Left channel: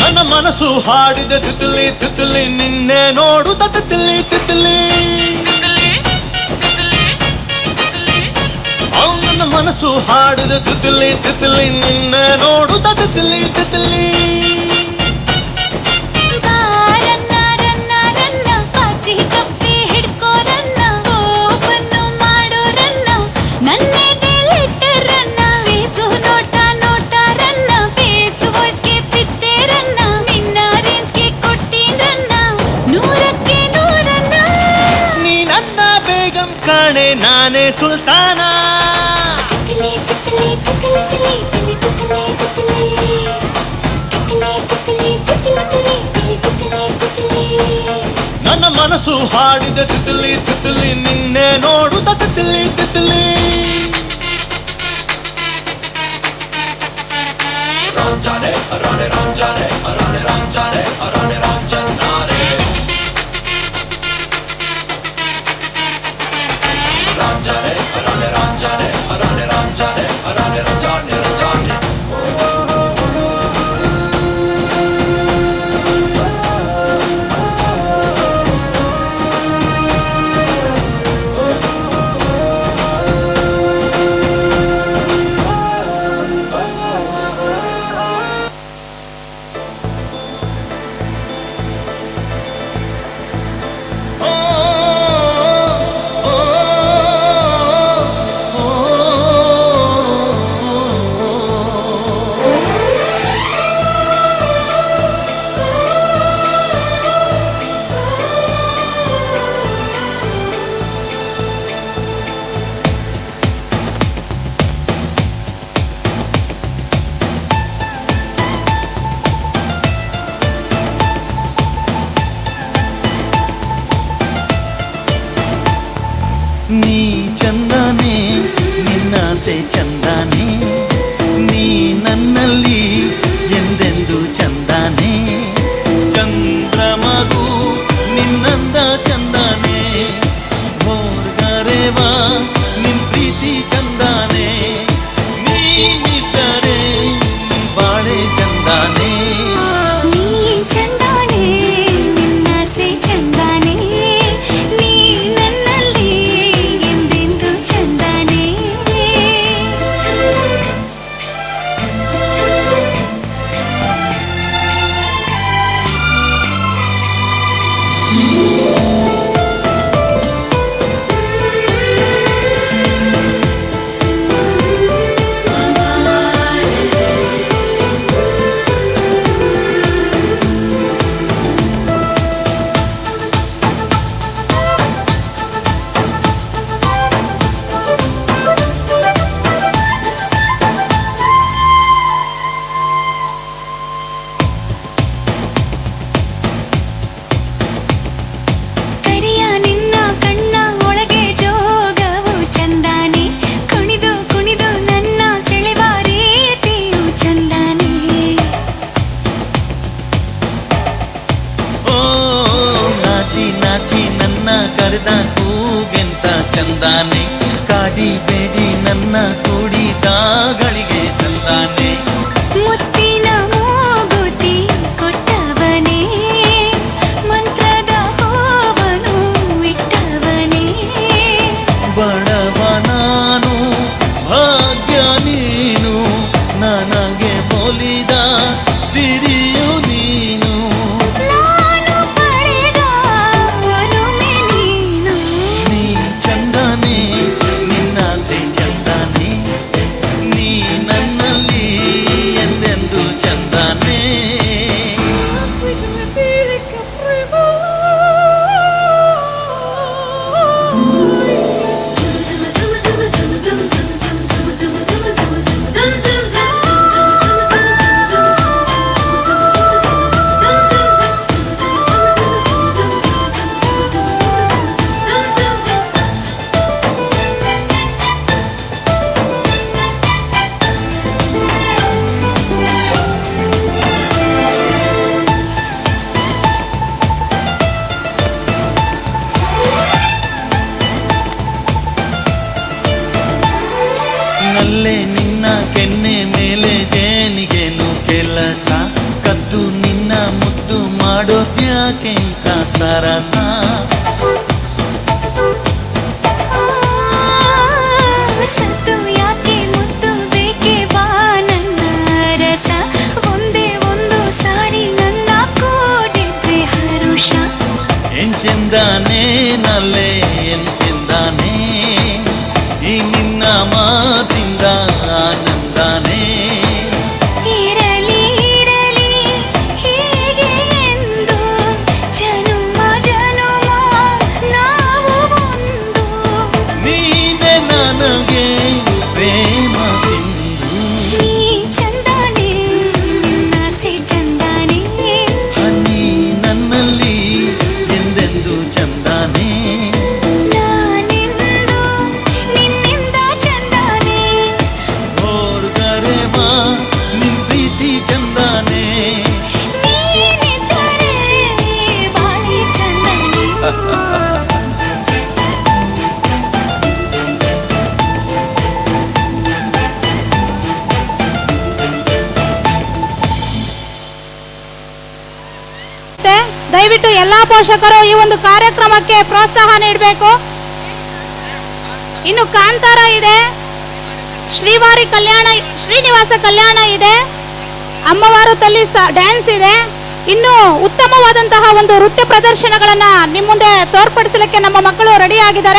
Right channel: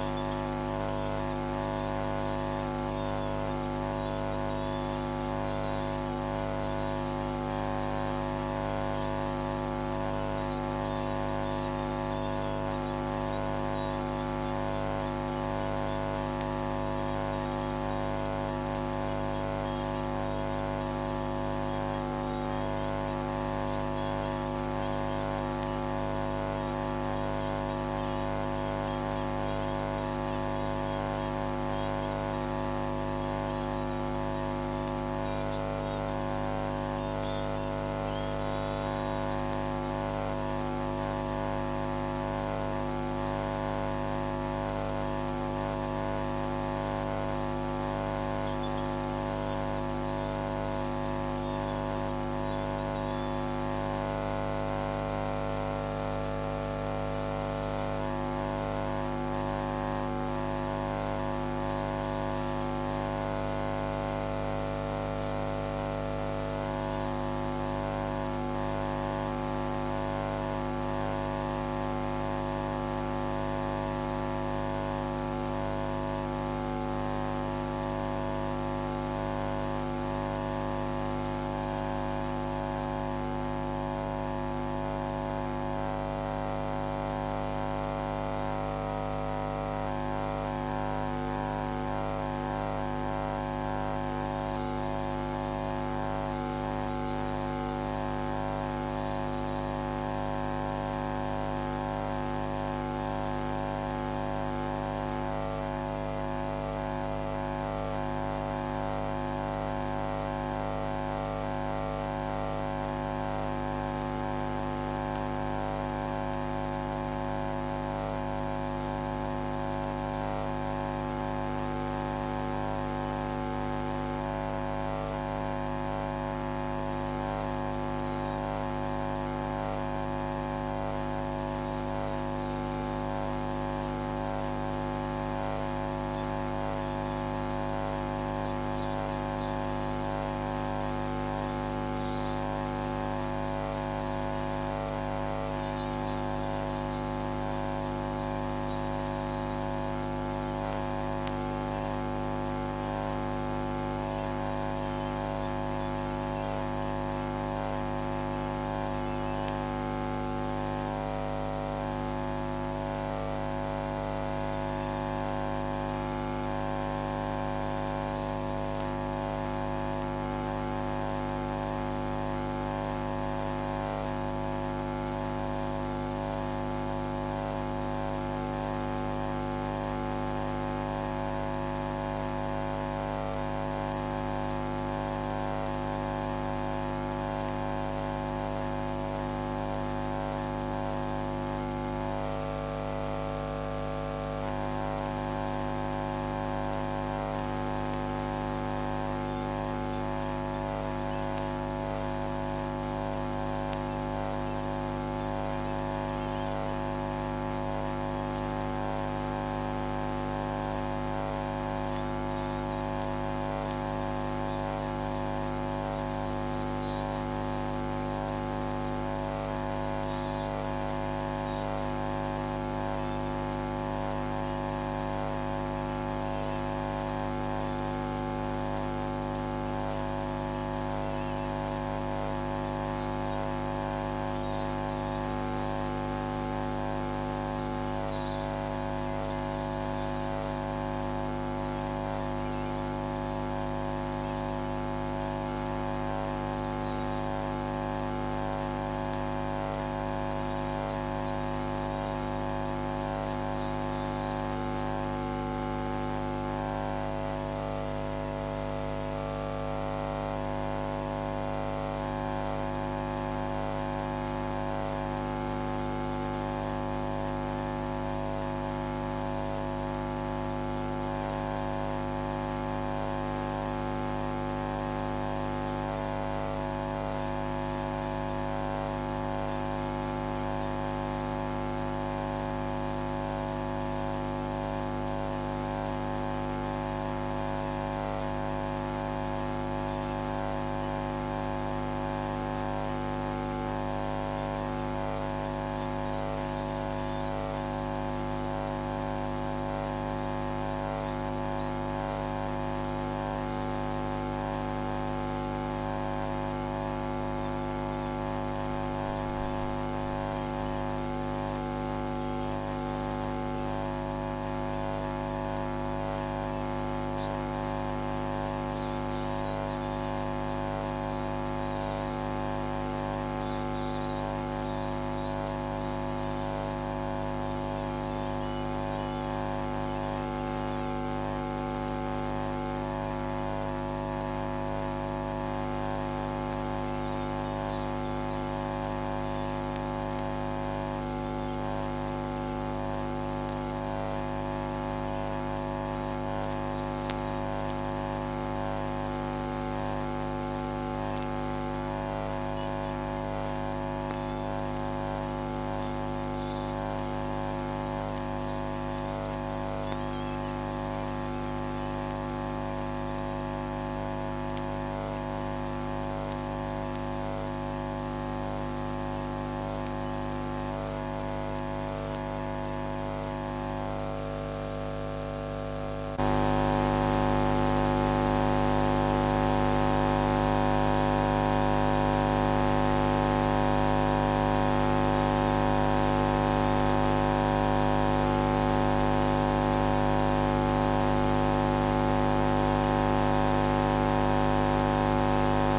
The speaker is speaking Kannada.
ನನ್ನ ಮನಸ್ಸು ಹಾಡಿದ ತಿತ್ಲಿ ತಿತ್ಲಿ ನಿನ್ನೆ ನೋಡುತ್ತ ತಿತ್ಲಿ ತಿತ್ಲಿ ನನ್ನ ಮನಸ್ಸು ಹಾಡಿದ ತಿತ್ಲಿ ತಿತ್ಲಿ ನಿನ್ನೆ ನೋಡುತ್ತ ತಿತ್ಲಿ ತಿತ್ಲಿ ನಾನೇ ಸುಲ್ತಾನ ನನ್ನ ಮನಸ್ಸು ಹಾಡಿದ ತಿತ್ಲಿ ತಿತ್ಲಿ ನಿನ್ನೆ ನೋಡುತ್ತ ತಿತ್ಲಿ ತಿತ್ಲಿ ರಂಜಾನೆ ರಾಣೆ ರಂಜಾನೆ ರಾಣೆ ರಂಜಾನೆ ರಾಣೆ ರಂಜನಾರೆ ರಂಜಾನೆ ರಾಣೆ ರಂಜಾನೆ ರಾಣೆ ರಂಜಾನೆ ರಾಣೆ ರಂಜಾನೆ ರಂಜಾನೆ ನೀ ಚಂದನೆ ನಿನ್ನಾಸೆ ಚಂದನೆ ನೀ ನನ್ನಲ್ಲಿ ಎಂದೆಂದು ಚಂದನೆ ಚಂದ್ರಮಗು ನಿನ್ನಂದ ಚಂದನೆ ಹೋರ್ಗರೆವಾ ನಿನ್ ಪ್ರೀತಿ ಚಂದನೆ ನೀನಿದ್ದರೆ ಬಾಳೆ ಚಂದನೆ ನೀ ಚಂದನೆ ನಿನ್ನಾಸೆ ಚಂದನೆ ನೀ ನನ್ನಲ್ಲಿ ಎಂದೆಂದು ಚಂದನೆ ಕರಿಯ ನಿನ್ನ ಕಣ್ಣ ಒಳಗೆ ಜೋಗವು ಚಂದನೆ ಕುಣಿದು ಕುಣಿದು ನನ್ನ ಸೆಳೆವ ರೀತಿಯು ಚಂದನೆ ಓ ನಾಚಿ ನಾಚಿ ನನ್ನ ಕರೆದ ಕೂಗೆಂತ ಚಂದಾನೆ ಕಾಡಿಬೇಡಿ ನನ್ನ ಕೂಡಿದಾಗಳಿಗೆ ಚಂದಾನೆ ಮುತ್ತಿನ ಮೂಗುತಿ ಕೊಟ್ಟವನೇ ಮಂತ್ರದ ಹೂವನ್ನು ಇಟ್ಟವನೇ ಬಡವ ನಾನು ಭಾಗ್ಯ ನೀನು ನನಗೆ ಒಲಿದ ಸಿರಿಯು ನೀನು ನಾನು ಪಡೆದ ಒಲುಮೆ ನೀನು ನೀ ಚಂದನೆ ನಿನ್ನಾಸೆ ಚಂದನೆ ನೀ ನನ್ನಲ್ಲಿ ಎಂದೆಂದು ಚಂದನೆ ಮೇಲೆ ಜೇನಿಗೇನು ಕೆಲಸ ಕದ್ದು ನಿನ್ನ ಮುದ್ದು ಮಾಡೋದ್ಯಾಕೆ ಇಂಥ ಸರಸ ಸತ್ತು ಯಾಕೆ ಮುತ್ತು ಬೇಕೆ ಬಾ ನನ್ನ ರಸ ಒಂದೇ ಒಂದು ಸಾರಿ ನನ್ನ ಕೂಡಿದ್ರೆ ಹರುಷ ಎಂಚೆಂದಾನೆ ನಲ್ಲೆ ಎಂಚೆಂದಾನೆ ಈ ನಿನ್ನ ಮಾತಿಂದ ಆನಂದಾನೆ ಇರಲಿ ಇರಲಿ ಹೀಗೆ ಎಂದು ಜನುಮ ಜನುಮ ನಾವು ಒಂದು ನೀನೆ ನನಗೆ ಪ್ರೇಮ ಸಿಂಧು ನೀ ಚಂದಾನೆ ನಾಸೆ ಚಂದಾನೆ ನೀ ನನ್ನಲ್ಲಿ ಎಂದೆಂದು ಚಂದಾನೆ ನಾನೆಂದು ನಿನ್ನಿಂದ ಚಂದಾನೆ ನೋಡಿದರೆ ಬಾ ನಿನ್ ಪ್ರೀತಿ ಚಂದಾನೆ ನೀನಿದ್ದರೆ ಬಾಳಿ ಚಂದಾನೆ ದಯವಿಟ್ಟು ಎಲ್ಲಾ ಪೋಷಕರು ಈ ಒಂದು ಕಾರ್ಯಕ್ರಮಕ್ಕೆ ಪ್ರೋತ್ಸಾಹ ನೀಡಬೇಕು. ಇನ್ನು ಕಾಂತಾರ ಇದೆ, ಶ್ರೀವಾರಿ ಕಲ್ಯಾಣ, ಶ್ರೀನಿವಾಸ ಕಲ್ಯಾಣ ಇದೆ, ಅಮ್ಮವಾರು ತಲ್ಲಿ ಡ್ಯಾನ್ಸ್ ಇದೆ. ಇನ್ನು ಉತ್ತಮವಾದಂತಹ ಒಂದು ನೃತ್ಯ ಪ್ರದರ್ಶನಗಳನ್ನ ನಿಮ್ಮ ಮುಂದೆ ತೋರ್ಪಡಿಸಲಿಕ್ಕೆ ನಮ್ಮ ಮಕ್ಕಳು ರೆಡಿ ಆಗಿದ್ದಾರೆ.